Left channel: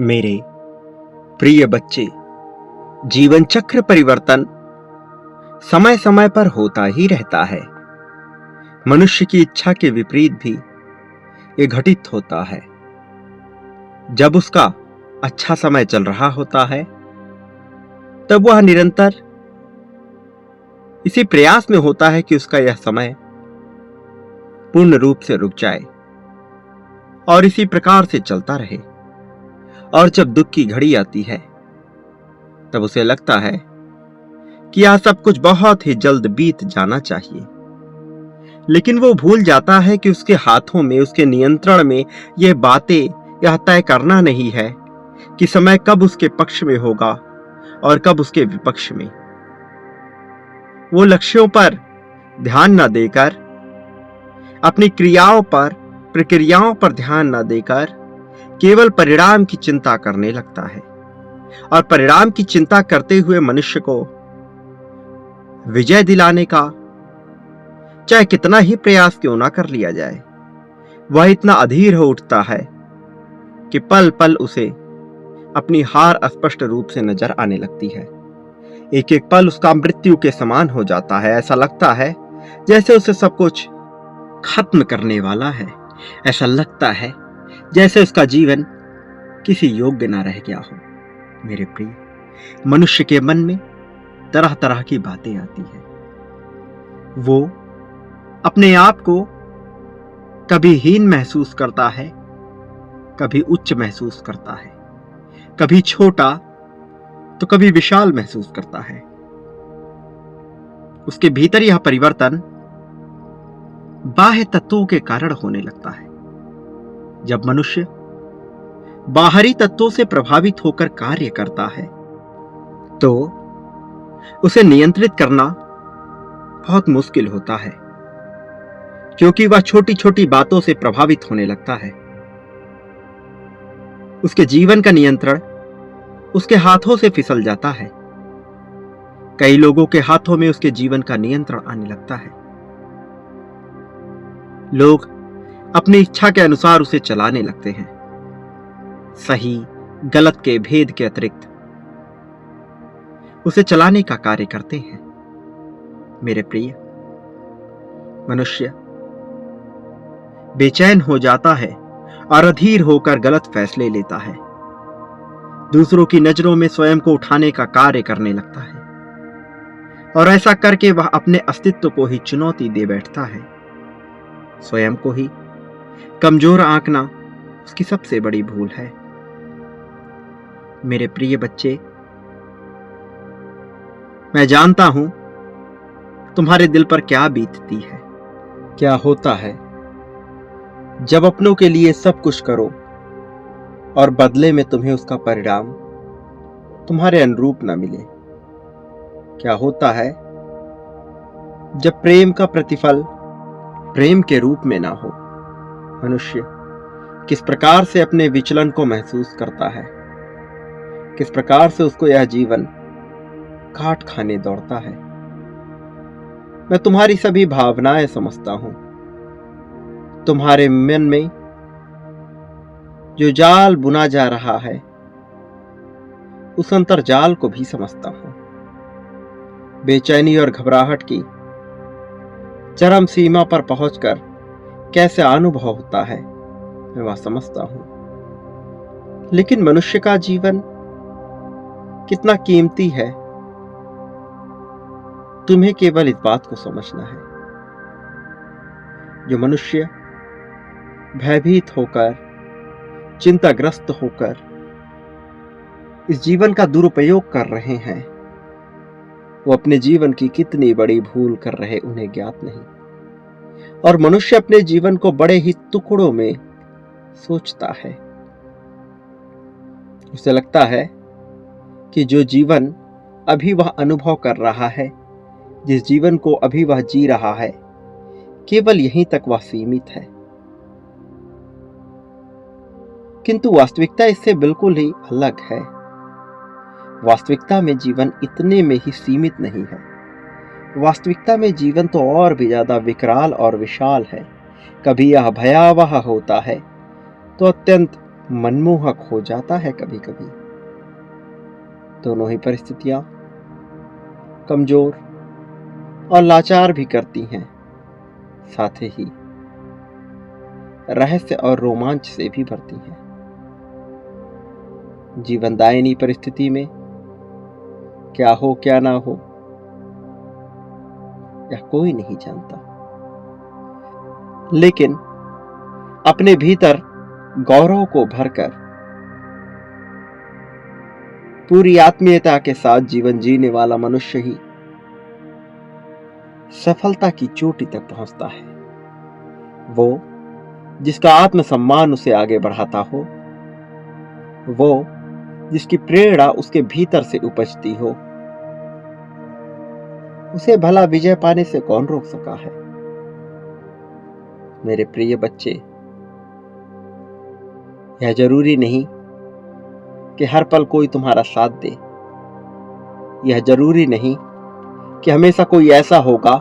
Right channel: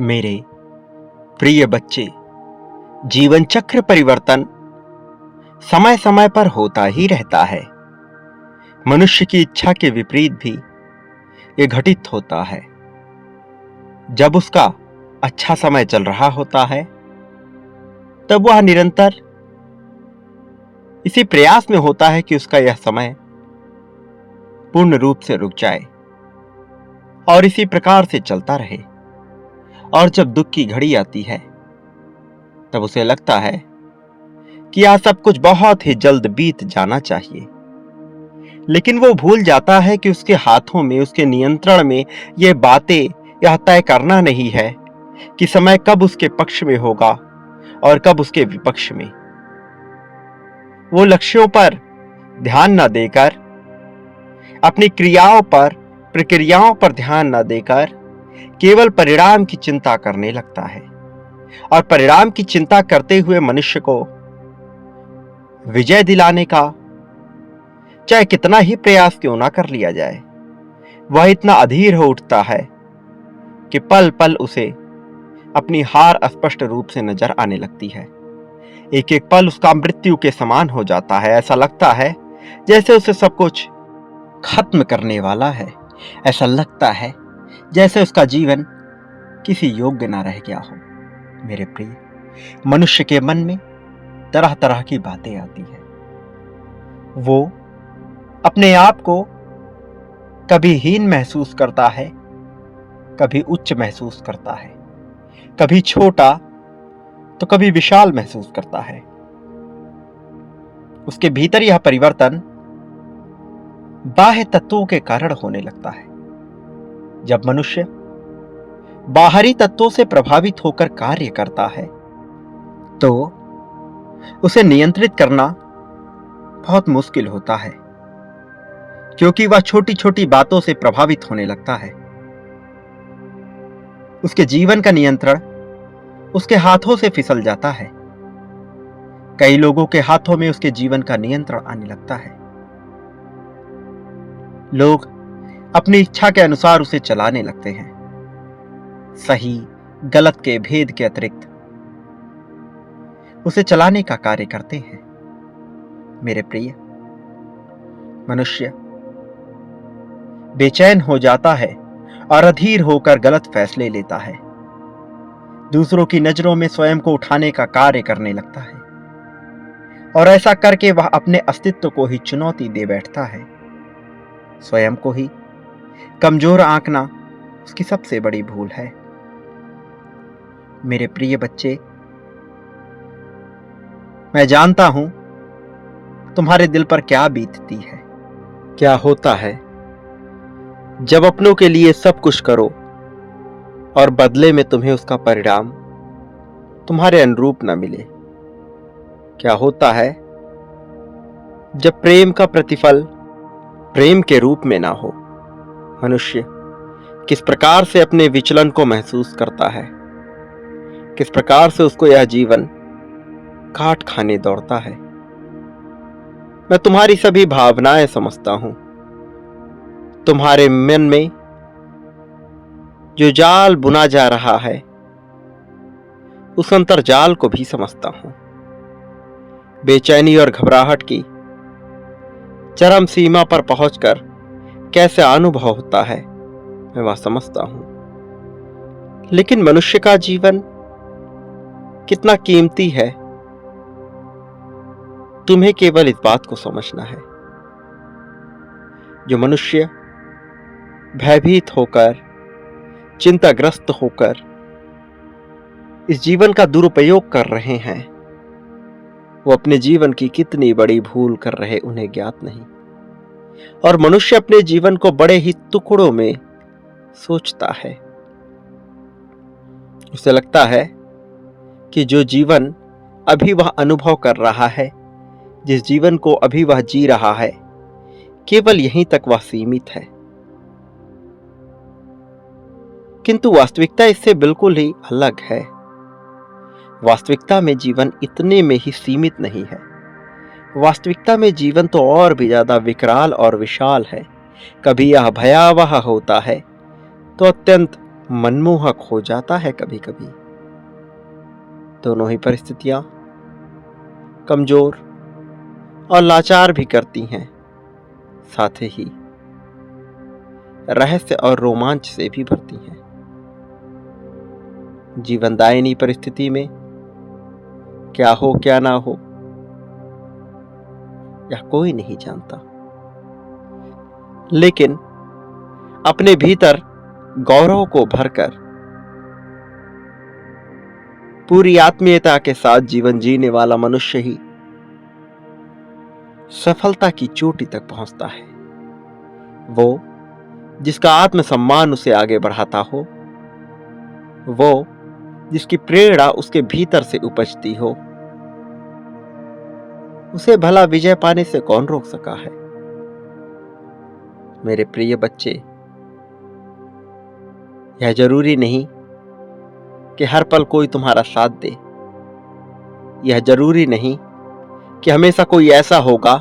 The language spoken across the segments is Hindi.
मेरे प्रिय बच्चे, जीवन चक्र परिवर्तन समय समय पर होता ही रहता है। मनुष्य की इच्छा के विपरीत भी ये घटित होता है। जब उसका अच्छा समय चल रहा होता है, तब वह निरंतर इसी प्रयास में होता है कि उसका यह समय पूर्ण रूप से रुक जाए और इसी प्रकार से चलता रहे। और जब दुख की घड़ी आती है, तब उसे लगता है कि यह सब कुछ बहुत ही जल्द बीत जाना चाहिए। लेकिन वो भूल जाता है कि उसके हाथों में, उसके नियंत्रण में ये बातें यह तय करना नहीं है कि समय कब उसके पक्ष में होगा और कब उसके विपक्ष में। वो लक्ष्यों पर ध्यान न देकर, अपनी क्रियाओं पर, प्रक्रियाओं पर ध्यान न देकर केवल परिणाम की चिंता करने लगता है। और परिणाम की चिंता करते हुए मनुष्य को विजय दिलाने का चाहे कितना ही प्रयास क्यों ना कर लिया जाए, वह इतना अधीर हो उठता है कि पल पल उसे अपनी हार स्पष्ट रूप से नजर आने लगती है। एक एक पल उसका मृत्यु के समान हो जाता है। ऐसा लगता है जैसे उसे सब कुछ खत्म करने वाला है। ऐसा लगता है जैसे उसका जीवन किसी योग्य ना रह गया हो। मेरे प्रिय, मनुष्य के मन में तरह तरह की बातें आती हैं। वो अपने आप को कभी हीन महसूस करता है, कभी उच्च महसूस करता है, कभी छोटा तो कभी विशाल महसूस करता है। उसके भीतर यह परिवर्तन बाह्य तत्वों के कारण होने लगता है। जब मनुष्य बाहरी तत्वों से प्रभावित होकर कार्य करता है, तो उसे नियंत्रित करना बहुत मुश्किल होता है, क्योंकि वह छोटी छोटी बातों से प्रभावित होने लगता है। उसके जीवन का नियंत्रण उसके हाथों से फिसल जाता है। कई लोगों के हाथों में उसके जीवन का नियंत्रण आने लगता है। लोग अपनी इच्छा के अनुसार उसे चलाने लगते हैं, सही गलत के भेद के अतिरिक्त उसे चलाने का कार्य करते हैं। मेरे प्रिय, मनुष्य बेचैन हो जाता है और अधीर होकर गलत फैसले लेता है। दूसरों की नजरों में स्वयं को उठाने का कार्य करने लगता है, और ऐसा करके वह अपने अस्तित्व को ही चुनौती दे बैठता है। स्वयं को ही कमजोर आंकना उसकी सबसे बड़ी भूल है। मेरे प्रिय बच्चे, मैं जानता हूं तुम्हारे दिल पर क्या बीतती है, क्या होता है जब अपनों के लिए सब कुछ करो और बदले में तुम्हें उसका परिणाम तुम्हारे अनुरूप न मिले। क्या होता है जब प्रेम का प्रतिफल प्रेम के रूप में ना हो। मनुष्य किस प्रकार से अपने विचलन को महसूस करता है, किस प्रकार से उसको यह जीवन काट खाने दौड़ता है। मैं तुम्हारी सभी भावनाएं समझता हूं। तुम्हारे मन में जो जाल बुना जा रहा है, उस अंतर्जाल को भी समझता हूं। बेचैनी और घबराहट की चरम सीमा पर पहुंचकर कैसा अनुभव होता है, मैं वह समझता हूं। लेकिन मनुष्य का जीवन कितना कीमती है, तुम्हें केवल इस बात को समझना है। जो मनुष्य भयभीत होकर, चिंताग्रस्त होकर इस जीवन का दुरुपयोग कर रहे हैं, वो अपने जीवन की कितनी बड़ी भूल कर रहे उन्हें ज्ञात नहीं। और मनुष्य अपने जीवन को बड़े ही टुकड़ों में सोचता है। उसे लगता है कि जो जीवन अभी वह अनुभव कर रहा है, जिस जीवन को अभी वह जी रहा है, केवल यहीं तक वह सीमित है। किंतु वास्तविकता इससे बिल्कुल ही अलग है। वास्तविकता में जीवन इतने में ही सीमित नहीं है। वास्तविकता में जीवन तो और भी ज्यादा विकराल और विशाल है। कभी यह भयावह होता है तो अत्यंत मनमोहक हो जाता है कभी कभी। दोनों ही परिस्थितियां कमजोर और लाचार भी करती हैं, साथ ही रहस्य और रोमांच से भी भरती हैं। जीवनदायिनी परिस्थिति में क्या हो क्या ना हो यह कोई नहीं जानता, लेकिन अपने भीतर गौरव को भरकर पूरी आत्मीयता के साथ जीवन जीने वाला मनुष्य ही सफलता की चोटी तक पहुंचता है। वो जिसका आत्मसम्मान उसे आगे बढ़ाता हो, वो जिसकी प्रेरणा उसके भीतर से उपजती हो, उसे भला विजय पाने से कौन रोक सका है। मेरे प्रिय बच्चे, यह जरूरी नहीं कि हर पल कोई तुम्हारा साथ दे। यह जरूरी नहीं कि हमेशा कोई ऐसा होगा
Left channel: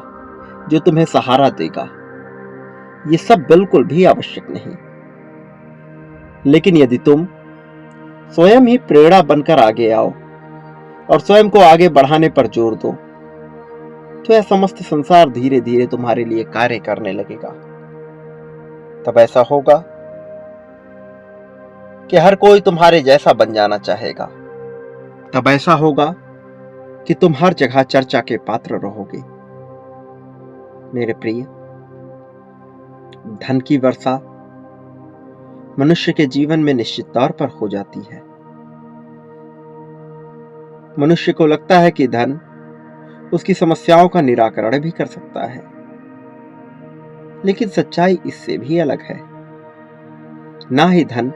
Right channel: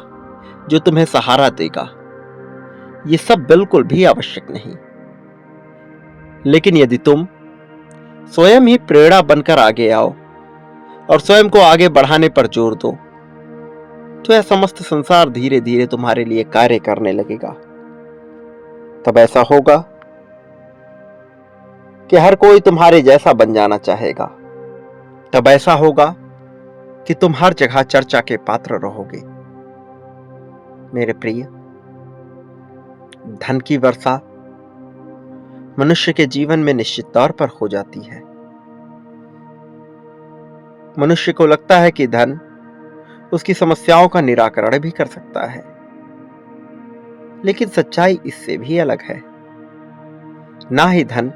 जो तुम्हें सहारा देगा। ये सब बिल्कुल भी आवश्यक नहीं। लेकिन यदि तुम स्वयं ही प्रेरणा बनकर आगे आओ और स्वयं को आगे बढ़ाने पर जोर दो, तो यह समस्त संसार धीरे धीरे तुम्हारे लिए कार्य करने लगेगा। तब ऐसा होगा कि हर कोई तुम्हारे जैसा बन जाना चाहेगा। तब ऐसा होगा कि तुम हर जगह चर्चा के पात्र रहोगे। मेरे प्रिय, धन की वर्षा मनुष्य के जीवन में निश्चित तौर पर हो जाती है। मनुष्य को लगता है कि धन उसकी समस्याओं का निराकरण भी कर सकता है, लेकिन सच्चाई इससे भी अलग है। ना ही धन,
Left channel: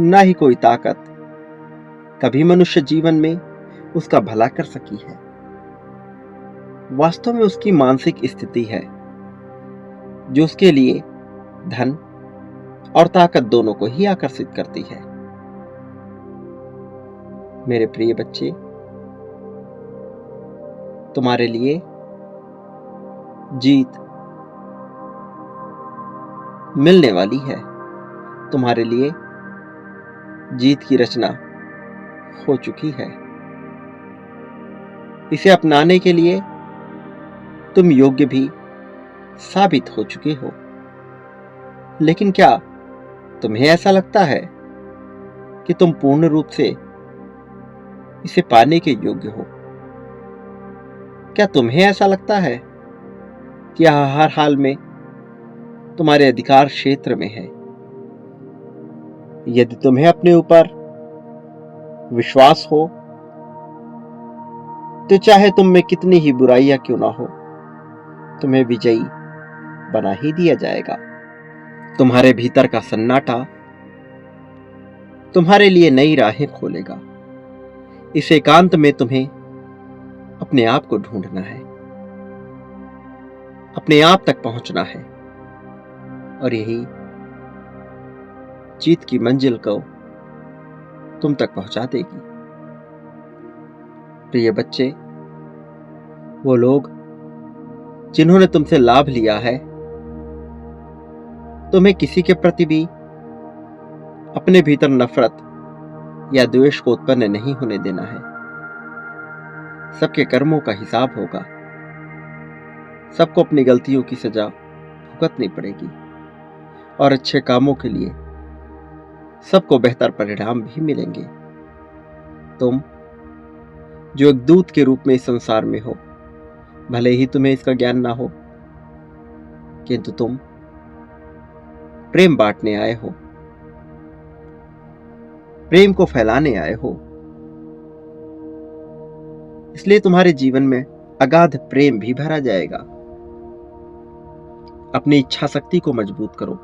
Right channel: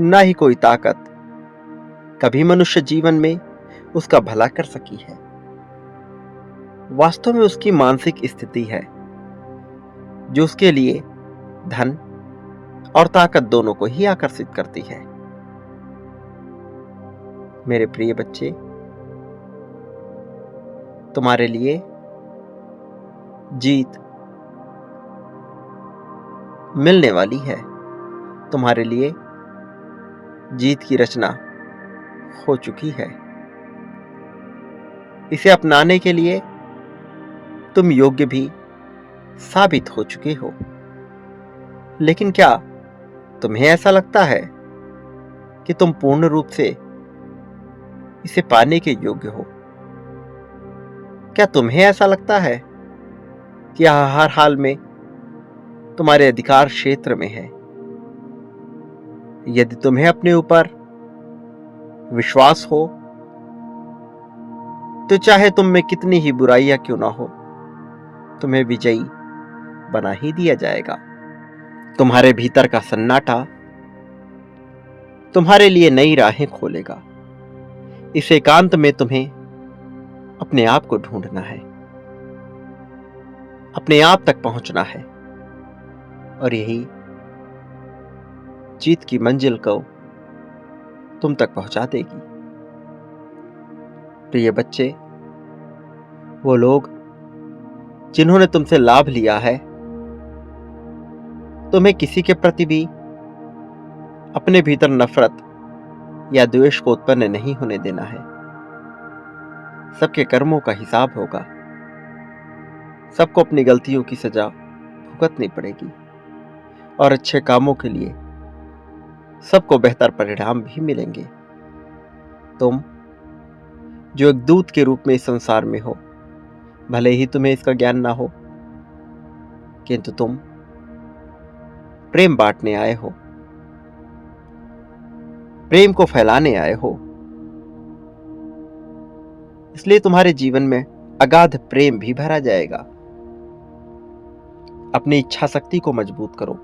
ना ही कोई ताकत कभी मनुष्य जीवन में उसका भला कर सकी है। वास्तव में उसकी मानसिक स्थिति है जो उसके लिए धन और ताकत दोनों को ही आकर्षित करती है। मेरे प्रिय बच्चे, तुम्हारे लिए जीत मिलने वाली है। तुम्हारे लिए जीत की रचना हो चुकी है। इसे अपनाने के लिए तुम योग्य भी साबित हो चुके हो। लेकिन क्या तुम्हें ऐसा लगता है कि तुम पूर्ण रूप से इसे पाने के योग्य हो? क्या तुम्हें ऐसा लगता है कि यह हर हाल में तुम्हारे अधिकार क्षेत्र में है? यदि तुम्हें अपने ऊपर विश्वास हो, तो चाहे तुम में कितनी ही बुराइयां क्यों ना हो, तुम्हें विजयी बना ही दिया जाएगा। तुम्हारे भीतर का सन्नाटा तुम्हारे लिए नई राहें खोलेगा। इस एकांत में तुम्हें अपने आप को ढूंढना है, अपने आप तक पहुंचना है, और यही जीत की मंजिल को तुम तक पहुंचा देगी। प्रिय बच्चे, वो लोग जिन्होंने तुमसे लाभ लिया है, तुम्हें किसी के प्रति भी अपने भीतर नफरत या द्वेष को उत्पन्न नहीं होने देना है। सबके कर्मों का हिसाब होगा। सबको अपनी गलतियों की सजा भुगतनी पड़ेगी, और अच्छे कामों के लिए सबको बेहतर परिणाम भी मिलेंगे। तुम जो एक दूत के रूप में इस संसार में हो, भले ही तुम्हें इसका ज्ञान ना हो, किंतु तुम प्रेम बांटने आए हो, प्रेम को फैलाने आए हो। इसलिए तुम्हारे जीवन में अगाध प्रेम भी भरा जाएगा। अपनी इच्छा शक्ति को मजबूत करो।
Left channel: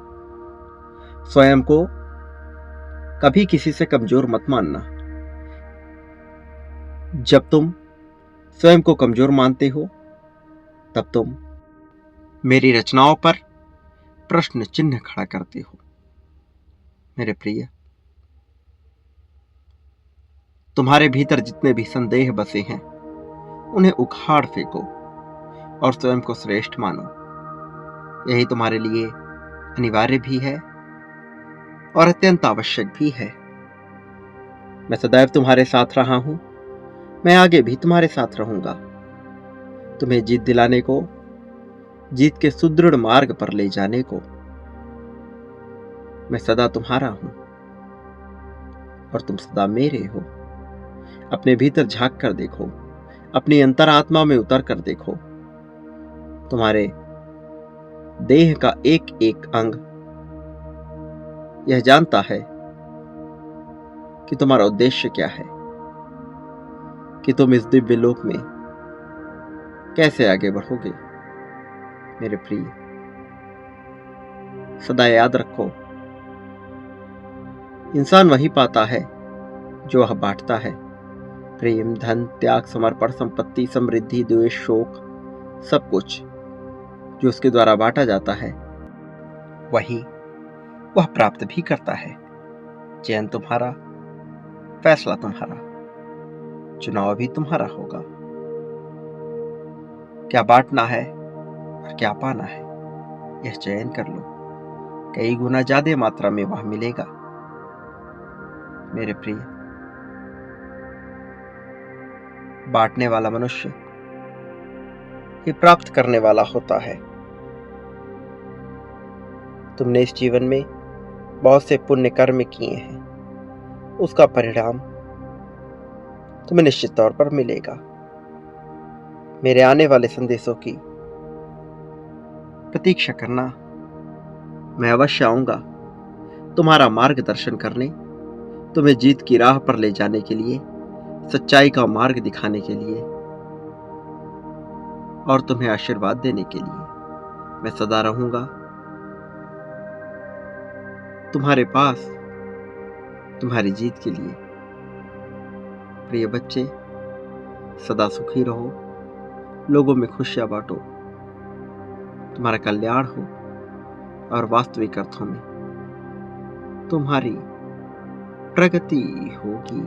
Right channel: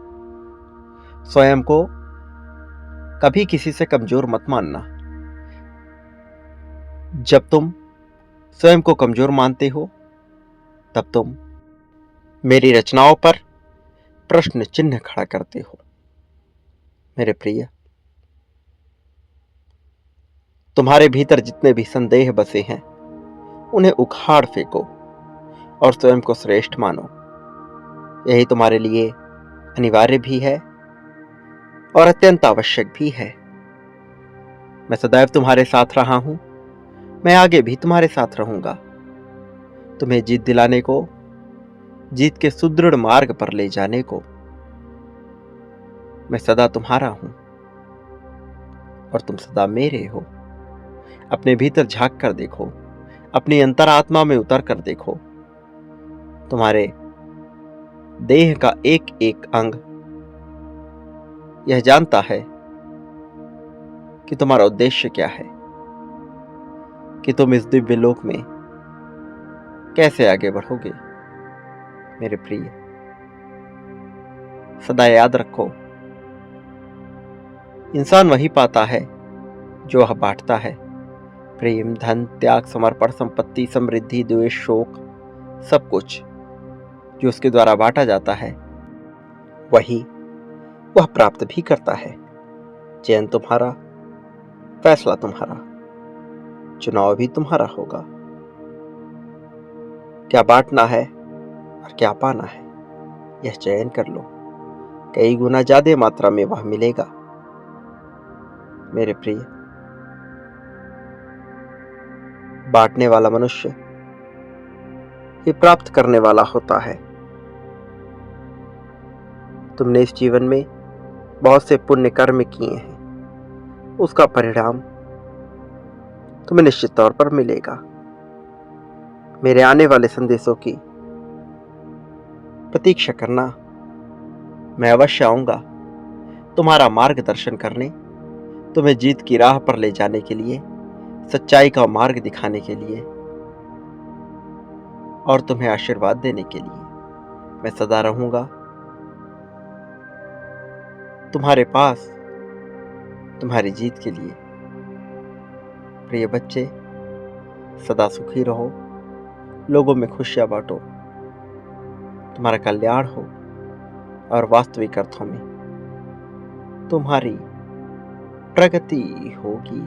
स्वयं को कभी किसी से कमजोर मत मानना। जब तुम स्वयं को कमजोर मानते हो, तब तुम मेरी रचनाओं पर प्रश्न चिन्ह खड़ा करते हो। मेरे प्रिय, तुम्हारे भीतर जितने भी संदेह बसे हैं, उन्हें उखाड़ फेंको और स्वयं को श्रेष्ठ मानो। यही तुम्हारे लिए अनिवार्य भी है और अत्यंत आवश्यक भी है। मैं सदैव तुम्हारे साथ रहा हूं, मैं आगे भी तुम्हारे साथ रहूंगा। तुम्हें जीत दिलाने को, जीत के सुदृढ़ मार्ग पर ले जाने को मैं सदा तुम्हारा हूं और तुम सदा मेरे हो। अपने भीतर झांक कर देखो, अपनी अंतरात्मा में उतर कर देखो। तुम्हारे देह का एक एक अंग यह जानता है कि तुम्हारा उद्देश्य क्या है, कि तुम इस दिव्य लोक में कैसे आगे बढ़ोगे। मेरे प्रिय, सदा याद रखो, इंसान वही पाता है जो वह बांटता है। प्रेम, धन, त्याग, समर्पण, संपत्ति, समृद्धि, द्वेष, शोक, सब कुछ जो उसके द्वारा बांटा जाता है वही वह प्राप्त भी करता है। चयन तुम्हारा, फैसला तुम्हारा, चुनाव भी तुम्हारा होगा। क्या बांटना है और क्या पाना है, यह चयन कर लो। कई गुना ज्यादा मात्रा में वह मिलेगा। मेरे प्रिय, बांटने वाला मनुष्य ये प्राप्त करने वाला होता है। तुमने इस जीवन में बहुत से पुण्य कर्म किए हैं, उसका परिणाम तुम्हें निश्चित तौर पर मिलेगा। मेरे आने वाले संदेशों की प्रतीक्षा करना। मैं अवश्य आऊंगा तुम्हारा मार्गदर्शन करने, तुम्हें जीत की राह पर ले जाने के लिए, सच्चाई का मार्ग दिखाने के लिए और तुम्हें आशीर्वाद देने के लिए। मैं सदा रहूंगा तुम्हारे पास, तुम्हारी जीत के लिए। प्रिय बच्चे, सदा सुखी रहो, लोगों में खुशियां बांटो, तुम्हारा कल्याण हो और वास्तविक अर्थों में तुम्हारी प्रगति होगी।